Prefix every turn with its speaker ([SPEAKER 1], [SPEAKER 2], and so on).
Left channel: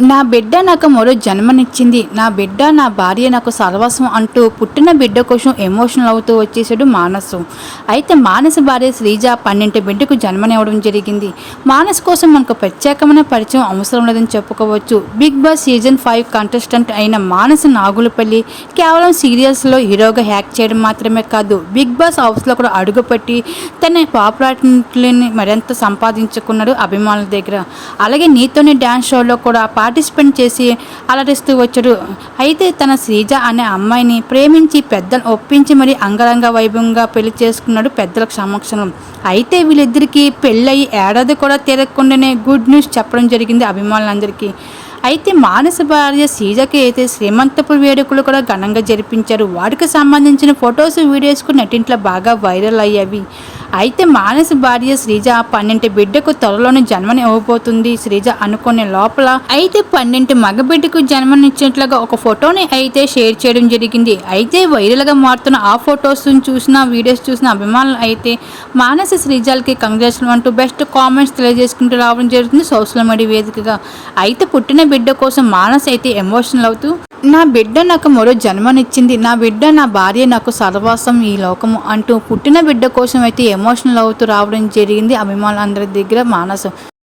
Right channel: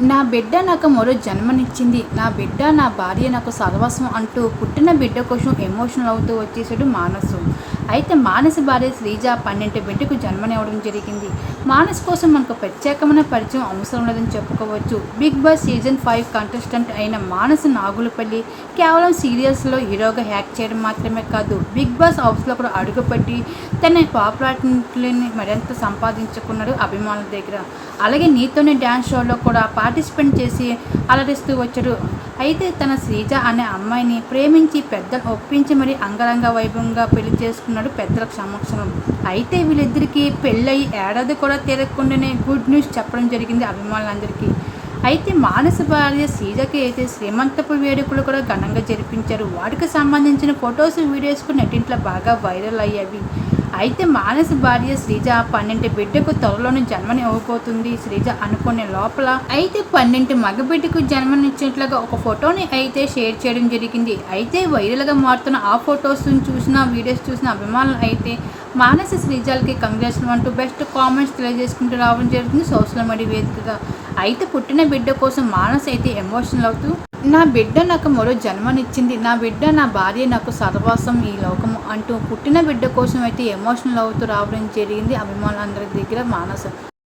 [SPEAKER 1] నా బిడ్డ నాకు మరో జన్మనిచ్చింది. నా బిడ్డ నా భార్య నాకు సర్వస్వం అంటూ పుట్టిన బిడ్డ కోసం ఎమోషనల్ అవుతూ వచ్చేసాడు మానసు. అయితే మానస భార్య శ్రీజ పన్నెండు బిడ్డకు జన్మనివ్వడం జరిగింది. మానస్ కోసం మనకు ప్రత్యేకమైన పరిచయం అవసరం లేదని చెప్పుకోవచ్చు. Big boss season five contestant అయిన మానస నాగులపల్లి కేవలం సీరియల్స్లో హీరోగా హ్యాక్ చేయడం మాత్రమే కాదు బిగ్ బాస్ హౌస్లో కూడా అడుగుపెట్టి తన పాపులారిటీని మరింత సంపాదించుకున్నాడు అభిమానుల దగ్గర. అలాగే నీతోని డ్యాన్స్ షోలో కూడా పార్టిసిపేట్ చేసి అలరిస్తూ వచ్చాడు. అయితే తన శ్రీజ అనే అమ్మాయిని ప్రేమించి పెద్దను ఒప్పించి మరి అంగరంగ వైభవంగా పెళ్ళి చేసుకున్నాడు పెద్దల సమక్షంలో. అయితే వీళ్ళిద్దరికీ పెళ్ళయి ఏడాది కూడా తిరగకుండానే గుడ్ న్యూస్ చెప్పడం జరిగింది అభిమానులందరికీ. అయితే మానస భార్య సీజకి అయితే శ్రీమంతపు వేడుకలు కూడా ఘనంగా జరిపించారు. వాటికి సంబంధించిన ఫొటోస్ వీడియోస్ కూడా నెట్టింట్లో బాగా వైరల్ అయ్యేవి. అయితే మానస భార్య శ్రీజ పన్నెండు బిడ్డకు త్వరలోనే జన్మని ఇవ్వబోతుంది. శ్రీజ అనుకునే లోపల అయితే పన్నెండు మగ బిడ్డకు జన్మనిచ్చినట్లుగా ఒక ఫోటోని అయితే షేర్ చేయడం జరిగింది. అయితే వైరల్గా మారుతున్న ఆ ఫొటోస్ చూసిన వీడియోస్ చూసిన అభిమానులు అయితే మానస శ్రీజాలకి కంగ్రాచులేషన్ అంటూ బెస్ట్ కామెంట్స్ తెలియజేసుకుంటూ రావడం జరుగుతుంది సోషల్ మీడియా వేదికగా. అయితే పుట్టిన బిడ్డ కోసం మానస అయితే ఎమోషనల్ అవుతూ నా బిడ్డ నాకు మరో జన్మనిచ్చింది. నా బిడ్డ నా భార్య నాకు సర్వాసం ఈ లోకము అంటూ పుట్టిన బిడ్డ కోసం అయితే ఎమోషనల్ అవుతూ రావడం జరిగింది. అభిమానులందరి దగ్గర మానస